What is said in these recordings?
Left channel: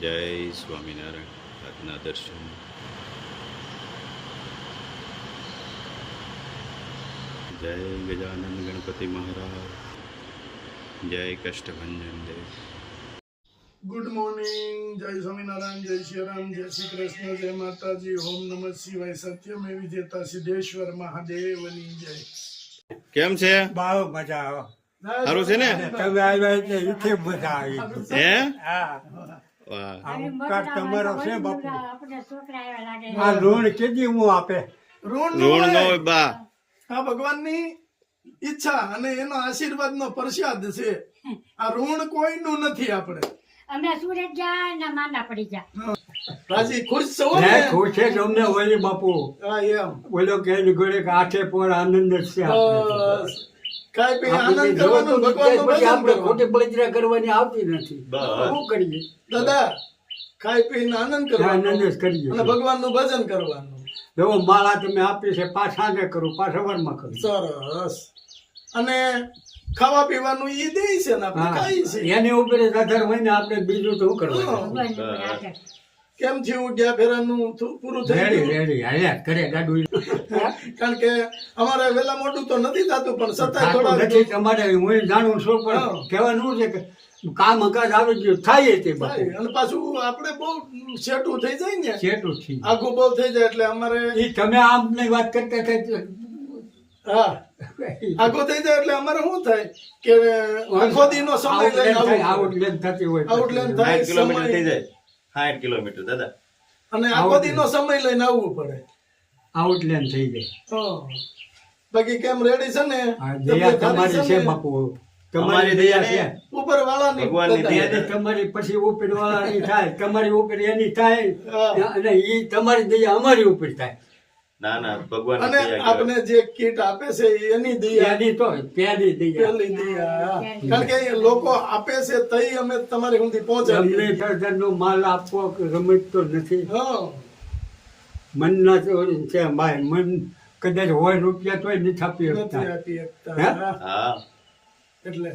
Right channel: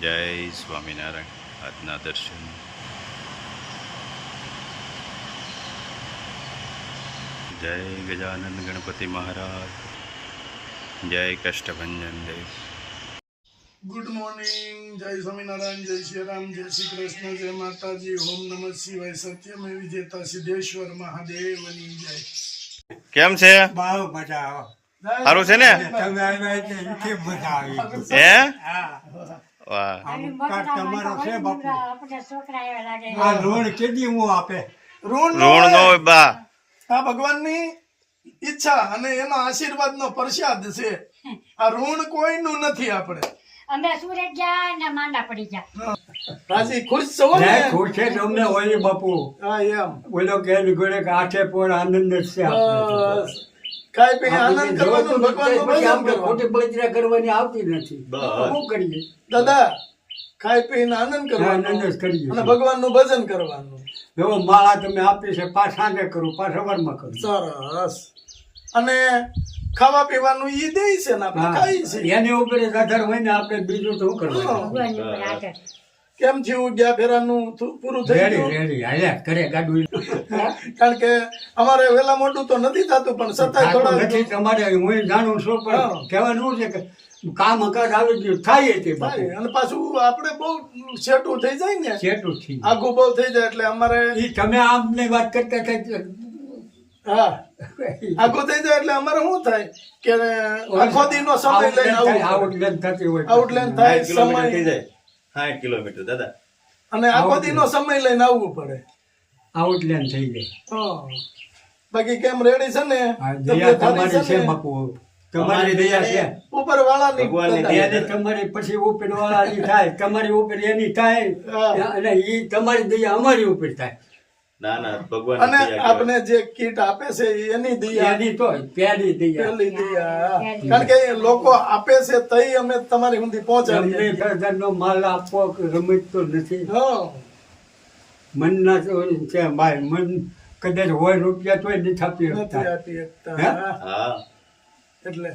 જય સ્વામિનારાયણ. આજના દર્શન જય ગજાનંદ ગણપતિ મહારાજ, જય કષ્ટભંજન દેવ. Good morning. જય સ્વામિનારાયણ, જય શ્રી રામ, જય શ્રી કૃષ્ણ, જય માતાજી, ઓમ નમઃ શિવાય. સત્યમેવ જયતા સિદ્ધેશ્વર મહાદેવની જય. કેમ છે? બહુ મજા આવે. સારું છે ને? તમે આવ્યા એટલે એથી મજા આવી. હે? હા. વાહ. તમારો છે બાપુ. આ ઋણ કેદી હું આપે. ઋણ ઋણ નો હોય બા. આ ભગવાનની ઈચ્છા અને એનો આશીર્વાદનો પ્રસાદ છે. આ ઋણ કોઈનું નથી. આપણે અમે સુરત ગયા ને માંડા પડી ગયા. રાજી ખુશ છો ને? ખુશ છે તમને હોય બાપુ. હા એમ. બોલો કે ગોળે આઠે પણ આનંદ જ છે આપણે. બસ ખાઈ પી આનંદ કરવાનો, ભગવાનનું ભજન આપણે કરવાનું. ખોટી બળતરા કરવાની આવતી નથી. શું કરીએ? દાદા ખાઈ પીને આનંદ કરવાનો આનંદ જ કરીએ અને છીએ. ભગવાનનું ભજન કરવાનું. જો માળા તમે આપી છે પાછ સાંજે કરું પાછ સવારમાં કરું. સરસ. અને ખાવા પીવાનું ઈ દે છે ને આપણે ખાઈ છે. એની ઉપર જ આધાર હોય ને આપણે બીજું તો શું કરવાનું. ભગવાનની ઉપર આધાર. કેમ થયું ગયા ફેરાનું પૂરું થઈ રેડી ગયું? રેડી હાલ્યા કરે ગાડું. કારણ કે અમારે વેલા મોટું તો નથી થતું, પણ છતાંય થતું થોડા નથી તમારે હું જાણું છું હા. પણ કહેવાનું શું છે કે કામ કાજ આવી ગયું થાય તે બાપુ. થાય. અને પાછું આપણે બહુ સેટું થઈ જાય ને, ચેટું થી આઘું બહુ થઈ જાય એટલે અમારે ઈ તમે આમની વાત કરતા થાય હા આઘું થઈ જાય એટલે અમારે શું થાય કે આખો દીનો સમય લઈને આવવું આઉટલેન થતી હોય પડે. આઉટલાઈન થાય, 60 કિલોમીટર થઈ સમય જાય. 60 કિલોમીટર દાદા. અને આખો દીનો સમય લઈને આવવું પડે. આઉટલેન થઈ જાય. હા. બાકી કેમ રેડી છે ને? આ દયા તબિયત તમારી સારી છે ને? બાપુ તમારી દયા છે. ઉપર વાળાની ભગવાનની દાદા. દયા તમારી પછી ઉપર વાળાની થાય તમારી ઉપર એની થાય હા. અને ઈ તમારી દયા અમારી ઉપર થાય. ના ના, ભગવાન અને આપણે જે કીટ આપે છે એ એની દયા, એની તો પહેલી દયા પેલી દયા. કારણ કે એ લોકો આપે છે તઈ અમે તમારી સુધી અમને પહોંચાડીએ. પ્રધાનનો માલ આપવો રમત તો નથી. હા મનના તો છે ભાઈ મન કદાચ હોય રૂપિયા તોય નથી આપી નથી શકતા. આપી શકતા. હે? હા. હા. એટલે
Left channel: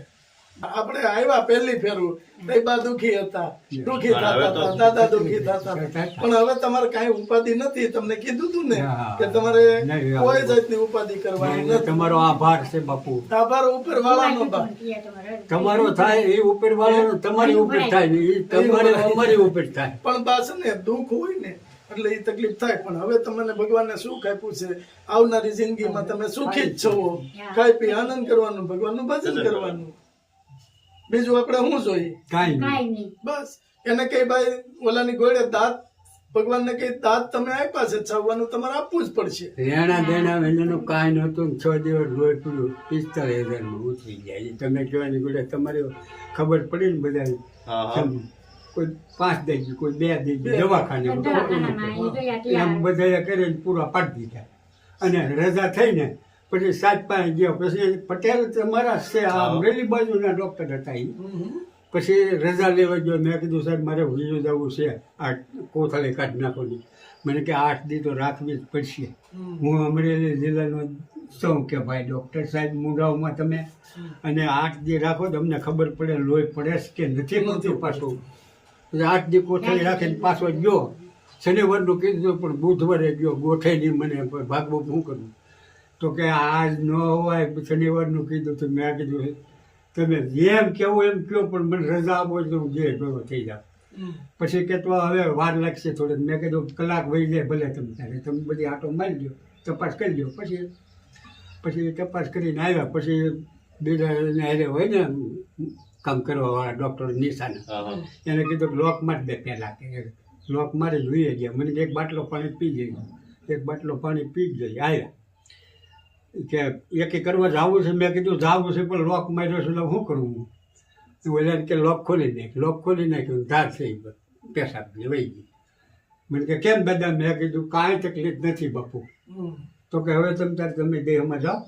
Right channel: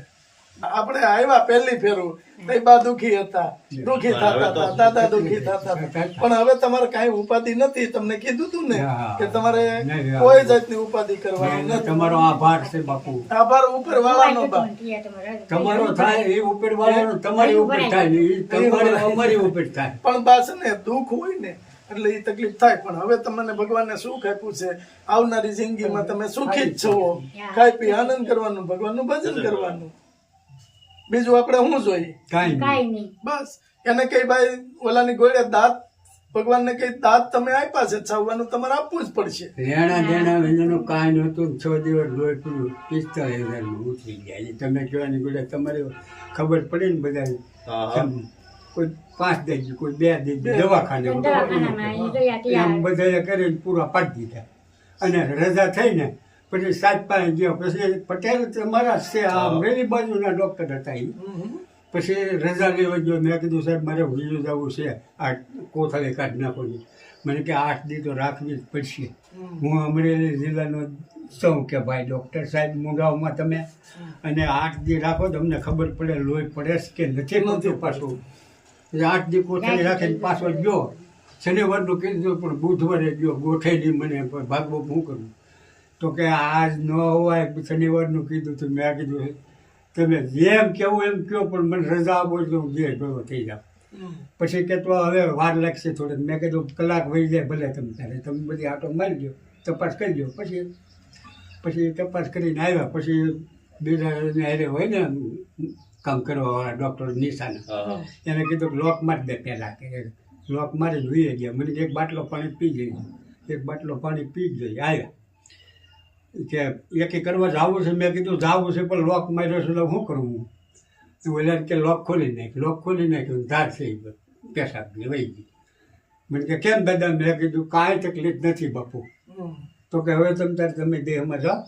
આપણે આવ્યા પહેલી ફેરું તઈ બા દુખી હતા, દુખી થતા હતા, દાદા દુખી થતા હતા. પણ હવે તમારે કાંઈ ઉપાધિ નથી. તમને કીધું તું ને હા. કે તમારે નહીં, કોઈ જાતની ઉપાધિ કરવાની અને નથી. તમારો આભાર છે બાપુ. આભાર ઉપર વાળાનો બા. તમારો થાય એ ઉપર વાળાનો તમારી ઉપર થાય ને એ તમારે અમારી ઉપર થાય. પણ બા છે ને દુઃખ હોય ને એટલે એ તકલીફ થાય. પણ હવે તમને ભગવાનને સુખ આપ્યું છે. આવનારી જિંદગીમાં તમે સુખી જ છો. ખાઈ પી આનંદ કરવાનું, ભગવાનનું ભજન કરવાનું. બીજું આપણે શું જોઈએ? કાંઈ નહીં. કાંઈ નહીં. બસ એને કઈ ભાઈ ઓલાની ગોળે દાંત, ભગવાનને કઈ દાંત તમે આપ્યા છે, છાવવાનું તમારે આપવું જ પડશે. લેણા દેણા વેલાનું કાંઈ નહોતું. 6 દિવસ લોહી પડ્યું 45,000 ઉતરી ગયા. એ તમે કહેવાની ગોળે તમારી ખબર પડી ને બધા હા. કોઈ 5 દઈ કોઈ 2 દઈ દવાખાને દવાખાનામાં એ ગયા ત્યાં. એમ બધા કરીને પૂરા પાડી દીધા. અને રજા થઈ ને પછી 7 પાસે ગયો. પછી પટેલ તમારા છે આ અમરેલી બાજુના ડોક્ટર હતા એ. પછી રજા લેવા ગયો. મેં કીધું સાહેબ મારે ભૂલી જવું છે, આ કોથળી કાઢી નાખોની. મને કે 8 દી તો રાખવી જ પડશે. હું અમરેલી જિલ્લાનો છું કે ભાઈ ડૉક્ટર સાહેબ મુંડાઓમાં તમે અને 8 દી રાખો તો અમને ખબર પડે લોહી પડે કે નથી પડતું પાછું. 8 દી કોથળી રાખીને પાછો ગયો. શનિવારનું કીધું પણ બુધવારે ગયો. ગોઠેલી મને ભાગવું શું કરવું? તો કે આજ ન હોય શનિવારનું કીધું તો મેં કીધું તમે જેમ કહેવું એમ કહો પણ મને રજા આપો તો હું જે ભેગો થઈ જાઉં. પછી કે તો હવે વાર લાગશે થોડીક. મેં કીધું કલાક વહી જાય ભલે તમે તારે તમે બધી આટો મારી દો, તપાસ કરી દો. પછી તપાસ કરીને આવ્યા. પછી બીજા હારે હોય ને કામ કરવાવાળા ડૉક્ટર નિશાના હા. એને કીધું લોક મારી દે પહેલાં. કે લોક મારી જોઈએ ગયા. મને એક બાટલો પાણી પી જઈ. એક બાટલો પાણી પી જ જઈ આવ્યા કે એકે કરવા જવું છે. મેં કીધું જવું છે પણ લોક માર્યો છે એટલે શું કરવું? ઓલા કે લોક ખોલી નાખ્યું. લોક ખોલી નાખ્યું ધાર થઈ પેશાબની વહી ગઈ. મને કે કેમ દાદા? મેં કીધું કાંઈ તકલીફ નથી બાપુ. તો કે હવે તમે દેહમાં જાઓ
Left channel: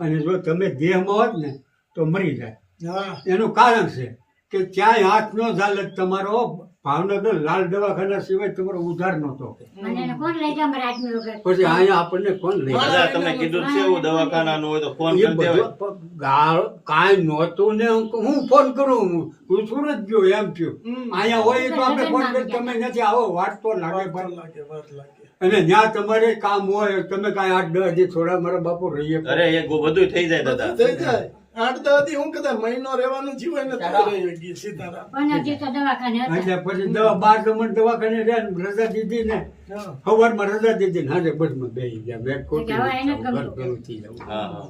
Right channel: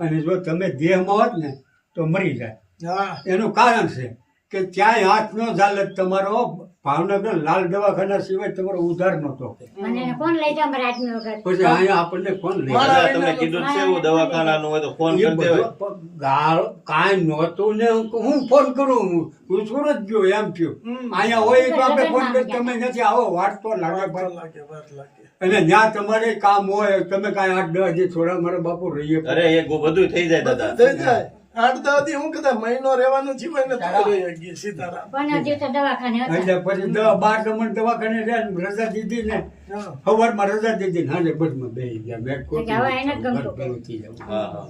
અને જો તમે દેહમાં હોત ને તો મરી જાય. હા એનું કારણ છે કે ક્યાંય હાથ ન ચાલે તમારો ભાવનગર લાલ દવાખાના સિવાય તમારો ઉધાર નહોતો મને એને કોણ લઈ જાય મારા આદમી વગર પછી અહીંયા આપણને કોણ લઈ જાય? દાદા તમને કીધું જ છે એવું દવાખાનાનું હોય તો ફોન એ કરી દેવાય. બધું કાંઈ નહોતું ને હું ફોન કરું હું સુરત ગયો એમ થયું અહીંયા હોય તો આપણે ફોન કરી તમે નથી આવો વાત તો લાગે ભાઈ. વાર લાગે અને જ્યાં તમારે કામ હોય તમે કાંઈ 8-10 દી થોડા મારા બાપુ રહીએ અરે એ બધું થઈ જાય દાદા. થઈ જાય 8-10 દી હું કદાચ મહિનો રહેવાનું થયું હોય ને તો રહી ગઈ સીતારામ. 15 દિવસ તો દવાખાને હતા. એટલે પછી 12 દવાખાને રહ્યા ને રજા દીધી ને હા. સવારમાં રજા દીધી ને હાજર બસમાં બેસી ગયા મેં ખોટી હવે એને જ ઘર ગમતું. ભેગું થઈ જવું. હા હા.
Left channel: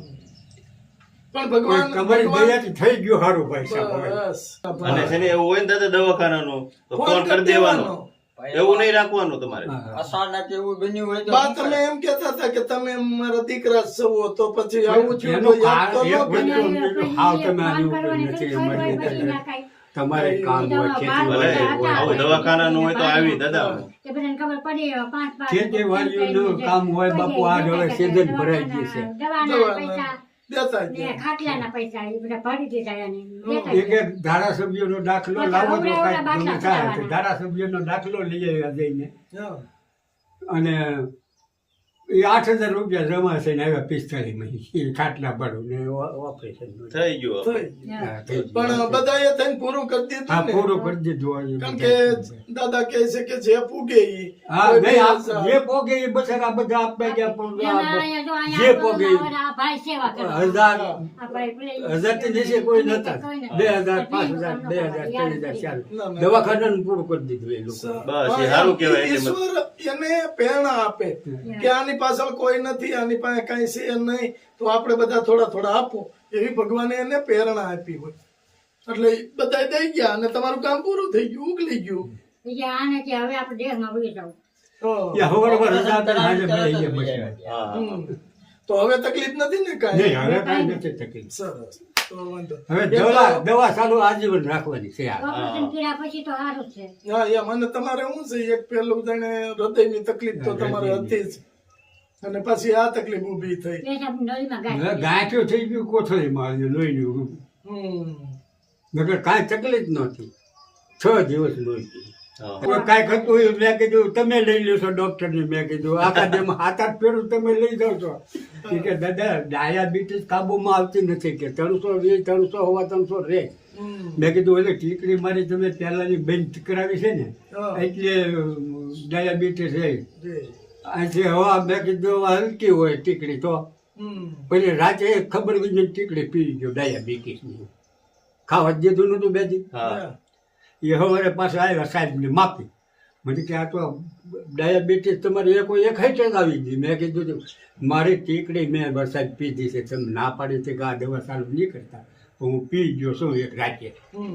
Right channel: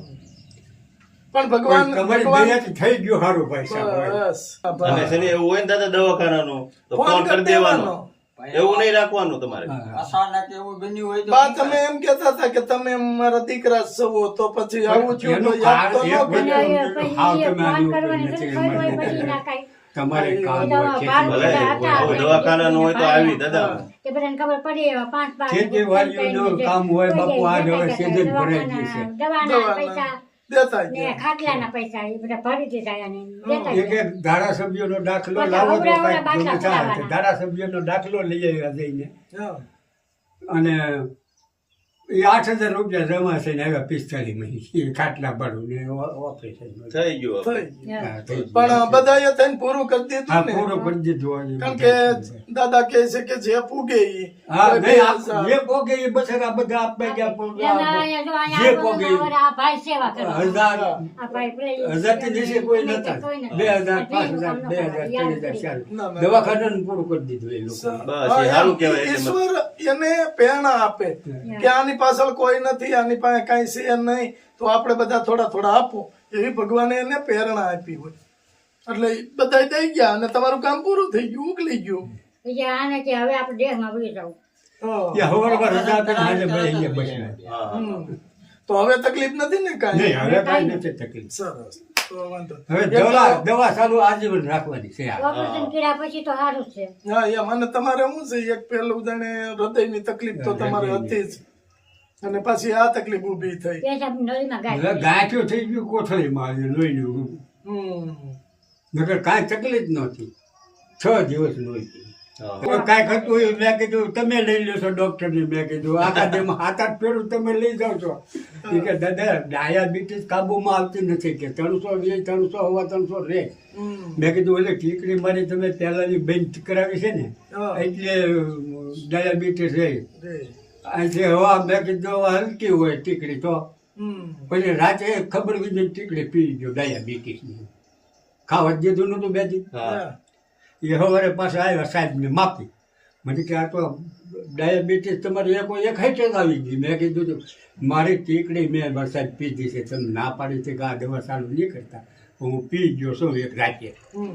પણ ભગવાન તમારી દયાથી થઈ ગયું સારું ભાઈ સાહેબ. બસ અને છે ને એવું હોય ને દાદા દવાખાનાનું તો ફોન કરી દેવાનો. એવું નહીં રાખવાનું તમારે. અચાનક એવું બન્યું હોય તો બા તમે એમ કહેતા હતા કે તમે મારા દીકરા છો તો પછી આવું થયું એનું તો યાદ તો કારણ ન એક કર્યું. વસ્તુ હાવ તમે આની ઉપર કરવાની નથી તો અમારી પછી નથી. ના કાંઈ. તમારે કામ દવા હોય ભલે ખેતીવાડી આવું દવાખાનાનું હોય તો આવી દાદા. કે બધાને ખબર પડી 5 ખેતીવાડીનું કામ હોય બાપુ આ હવે season ભરાઈ ગઈ છે. દવાના પૈસા દેતા જ ને જાય. ખાટલાના પૈસા એ બધા ભરી દીધા એને દેતા એક એક ધારાસભ્યનો દાખલો લાવો તો કાંઈક ગમે થાય તો ધારાસભ્યનો દાખલો લઈ આવ્યા જઈને હા. અને એ 8,000 રૂપિયા જમા થઈને આવ્યા 45 મહિને ખાટલા ભાડું ને ઓપરેશન થઈ ગયું થઈ આપણે. ગયું. પણ બધાએ થઈને પૂરું કરી હા દીધું ને. પૂરું કરી દીધું હોય એ કારણ બધા. કે દાદા કહે છે કે જે પૂગે ઈ હા કોઈ નહીં બે જે પોગે એ બચારા બધા આપે ગયા જે પોગે આ ભાઈ સેવા કરો 1,000 આ ભાઈ પેલી 1,000 થી નીચે કોઈ નતા કોઈ નથી. 2,000 5,000 2,000 3,000 4 દવાખાનાનું પૂરું કરી દીધું એ લોકો બસ એ સારું કહેવાય. એટલે ઈશ્વર એને પ્રેરણા આપે કે આની પાછળ કોઈ નથી આની પાસે કઈ છે નહીં તો આપણે બધા થોડા થોડા આપો એવી ભગવાને એને પ્રેરણા આપી હોય એટલે બધા દઈ ગયા અને તમારું કામ પૂરું થઈ ગયું ઉકલી ગયું. બીજા આને કે હવે આપણે દેશમાં વહી જવું હા. યા હવારમાં રજા આપીને હાજર બેસી ગયા બસમાં. હા. હમ. તો હવે તકલીફ નથી ને કાંઈ? નહીં હવે કાંઈ નથી તકલીફ. સરસ તો વાંધો હવે દવા ચાલુ આજીવન રાખવાની છે આ. ઓપરેશન કર્યા પછી તો સારું જ છે હા એમ અને તમારે શું છે એક પેલું જાણે હૃદયની તકલીફ તો તમારે હતી જ અને પછી આ તકલીફ ઊભી થઈ. પેશાબ નળીમાં ગાય હવે ગાંઠિયો થઈ ગયું કોથળીમાં આવ્યું લોહીનું. હમ. નકર કાંઈ તકલીફ નહોતી 6 દિવસ લોહી પીધું. હા. હવે કાંઈક હતું એ મેં કીધું તમે લઈ લેશો ડોક્ટરને મેં કીધું આખા દેમાં 7-8 ફેરું તમે લઈ જાઓ છો એ કે દાદા ડાયાબિટીસ કાબુમાં આવતી નથી કે 320 300 રહે. હમ. મેં કીધું એટલે ટીકડી મારી તમે પહેલાની બેન્ચ કરાવી છે ને હા. એટલે ડાયાબિટીસ રહે રે. અહીંથી હવા મેં કીધું હવે હલકી હોય ટીકડી તો હમ. પછી રાતે ખબર વિજય ટીકડી પી ગયો ડાયાબિટીસની ખાવા જ દીધું નતું બે દી. હા. એ સવારે પાછા આવ્યા સાહેબને માપી મને કે આ તો ડાયાબિટીસ તમારી એક હાઈટ જ આવી ગઈ. મેં કીધું તું મારી ટીકડી મેં વરસાદ પીધી છે તમે ના પાડી છે કે આ દવા ચાલુ નહીં કરતા પણ હું પી ગયો છું એક રાતે. હમ.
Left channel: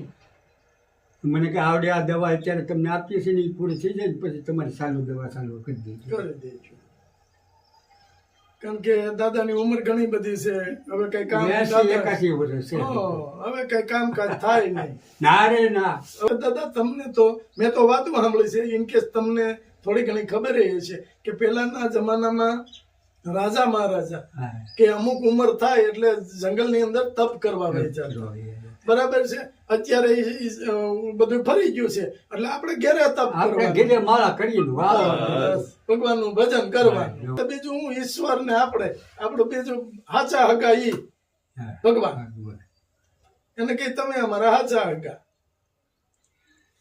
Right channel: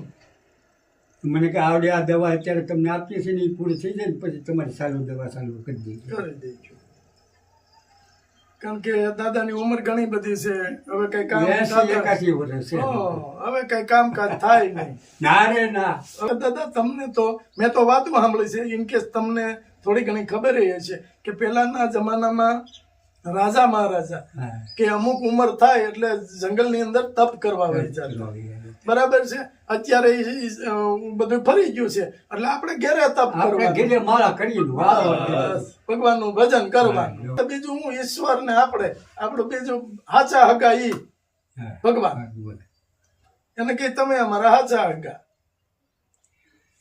મને કે આવડે આ દવા અત્યારે તમને આપીએ છીએ ને એ પૂરી થઈ જાય ને પછી તમારી ચાલુ દવા ચાલુ કરી દઈએ. કરી દેજો કારણ કે દાદાની ઉંમર ઘણી બધી છે હવે કઈ કામ 81 વર્ષ છે. હવે કઈ કામકાજ થાય નહીં. ના રે ના. હવે દાદા તમને તો મેં તો વાતો સાંભળી છે ઇન કેસ તમને થોડી ઘણી ખબર એ છે કે પહેલાના જમાનામાં રાજા મહારાજા હા. કે અમુક ઉંમર થાય એટલે જંગલની અંદર તપ કરવા વહી જતા. બરાબર છે અત્યારે બધું ફરી ગયું છે એટલે આપણે ઘેરે તપ આપણે કરવાનું ઘેરે માળા કરીએ ભગવાનનું ભજન કરવાનું બીજું હું ઈશ્વર ને આપણું બીજું હાચા હગા ઈ ભગવાન એને કઈ તમે અમારા હાચા હગા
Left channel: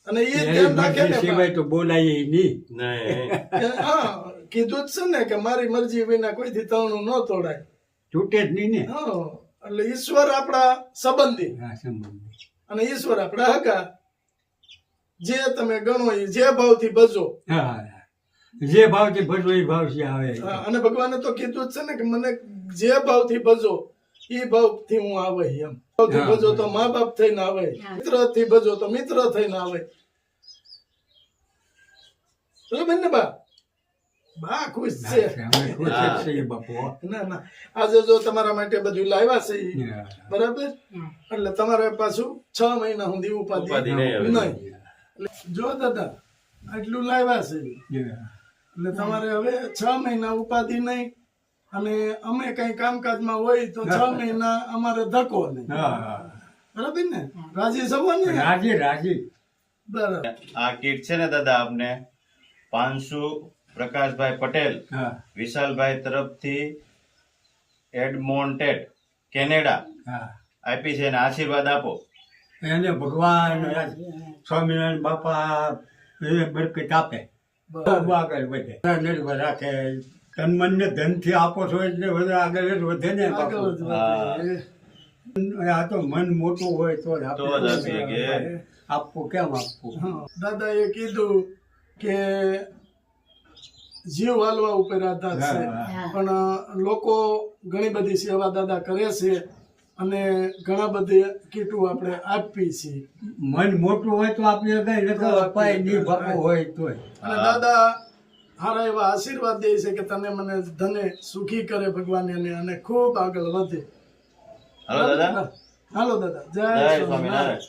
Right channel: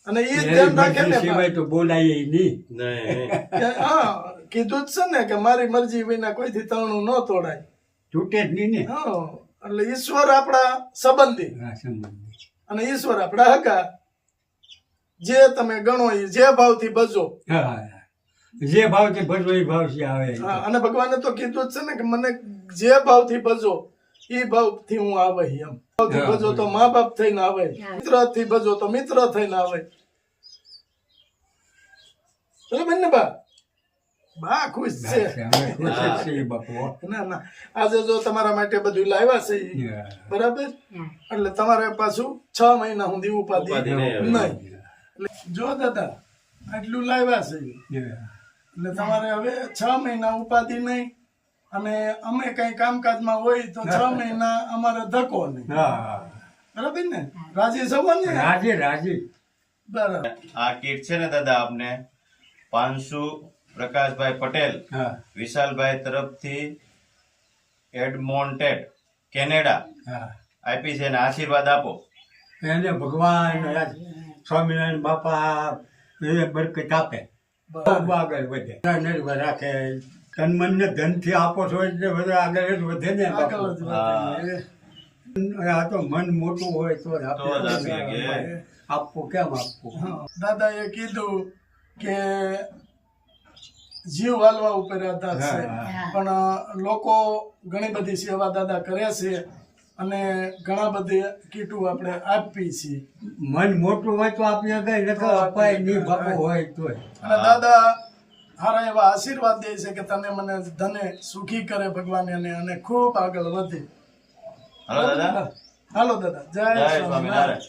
અને એ ધ્યાન રાખે ને સિવાય તો બોલાય નહીં. નહીં. કે હા કીધું જ છે ને કે મારી મરજી વિના કોઈથી તણું ન તોડાય. છૂટે જ નહીં ને. હા એટલે ઈશ્વર આપણા સંબંધી હા, સંબંધી. અને ઈશ્વર આપણા હગા જે તમે ગણો એ જે ભાવથી ભજો. હા, જે ભાવથી ભજવો એ ભાવથી આવે. હા અને ભગવાને તો કીધું જ છે ને કે મને જે ભાવથી ભજો એ ભાવથી હું આવે એમ. ભાવથી હા, ભજો તો મા બાપ થઈને આવે, મિત્ર થી ભજો તો મિત્ર થઈને આવે. બરાબર ને બા? બા ખુશ છે. અમે ખુશ જ છીએ બાપુ. ના ના આજે જો તમારા માટે બધું લાવ્યા છે ઈ. હા. બરાબર એટલે તમારે પાછું 6 મહિના સુધી ઉપાધિ ઉપાધિ નહીં આવે. નહીં. એટલે જો દાદા આટલું લાવ્યા છે ઈ. હા. એટલે તમારે હવે 6 મહિના ઉપાધિ નહીં અને અમે કઈ કામકાજમાં હોય તો 6 મહિના અમારે ધક્કો નહીં. હા. બરાબર ને રાજી થવો ને રાજી રાજી. બરાબર. આ કીટ છે ને દાદા આપને 500 પ્રકાશભાઈ પટેલ હા વિશાલભાઈ તરફથી એડમોન્ટેડ કેનેડા હા આપી છે અને આશીર્વાદ આપો. એને ભગવાન સ્વામિનારાયણ બાપા એ બરકત આપે ખૂબ આગળ વધે નિર્ભર રાખે તન મન ને ધન થી આપો છો એટલે બધા આગળ જ વધે ને બાપુ. આગળ જ વધે. આ તો મન મોટું હોય તો જ તો જ આપીએ કે આપવું કેમ આપવું. હા. દાદાએ કીધું કે જીવ હાલવા ઉપર આધાર છે હા. પણ લોકો ઘણી બધી સેવા દાદા કરે છે અને ઘણા બધી કીટો આપણે આપી છીએ મન મોટું હોય તો આપણે કઈ નકર અપાય નહીં બાપુ હોય તોય. અને દાદા સારા એવા આશીર્વાદ દે છે કે તને મને ધને સુખી કરે ભગવાન અને ખૂબ આગળ વધે. હાલો દાદા, હાલો દાદા, જય જય સ્વામિનારાયણ. સ્વામિનારાયણ.